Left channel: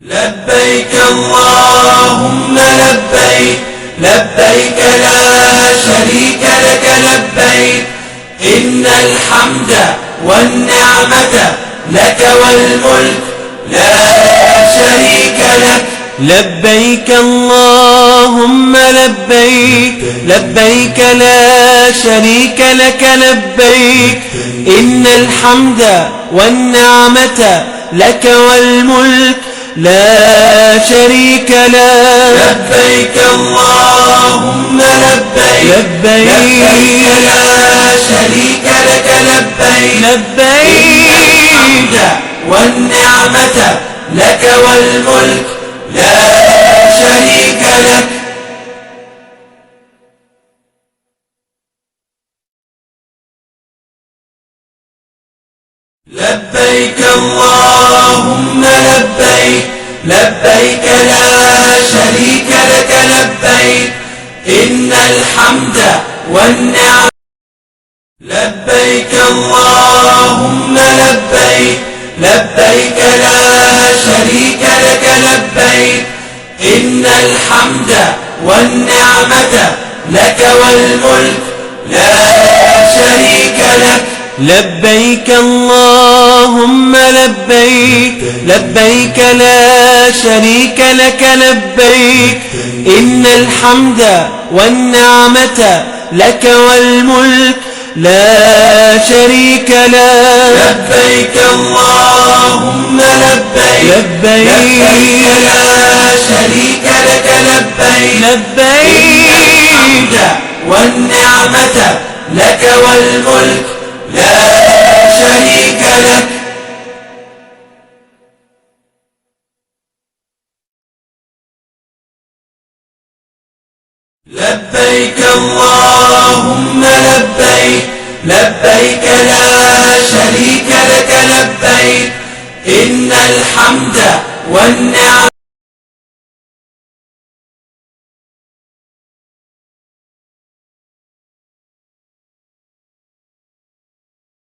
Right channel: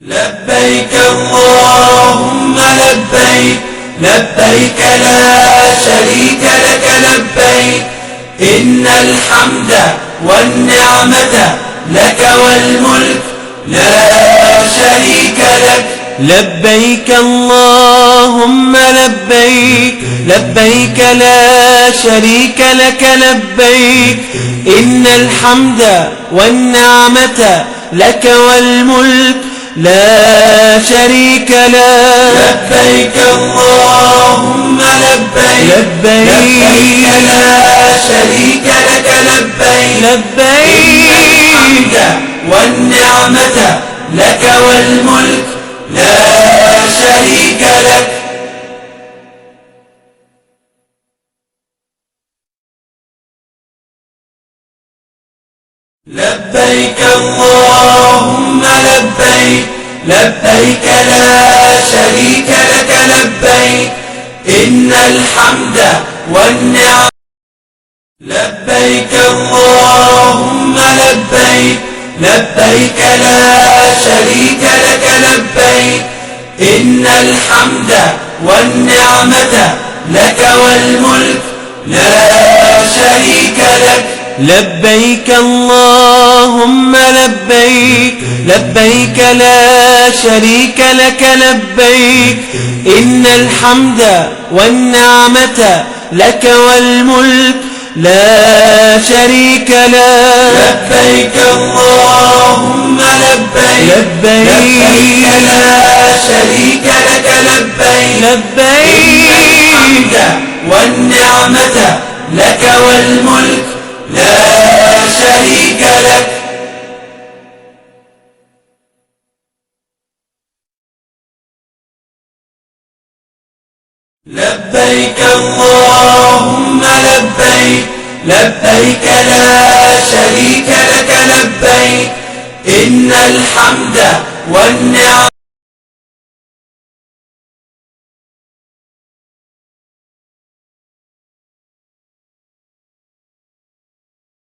لبيك اللهم لبيك لبيك لا شريك لك لبيك إن الحمد والنعمة لك والملك لا شريك لك. لبيك اللهم لبيك لبيك لا شريك لك لبيك إن الحمد والنعمة لك والملك لا شريك لك. لبيك اللهم لبيك لبيك لا شريك لك لبيك لبيك الحمد والنعمة لك والملك لا شريك لك. لبيك اللهم لبيك لبيك لا شريك لك لبيك إن الحمد والنعمة. لبيك اللهم لبيك لبيك لا شريك لك لبيك إن الحمد والنعمة لك والملك لا شريك لك. لبيك اللهم لبيك لبيك لا شريك لك لبيك إن الحمد والنعمة لك والملك لا شريك لك. لبيك اللهم لبيك لبيك لا شريك لك لبيك لبيك الحمد والنعمة لك والملك لا شريك لك. لبيك اللهم لبيك لبيك لا شريك لك لبيك إن الحمد والنعمة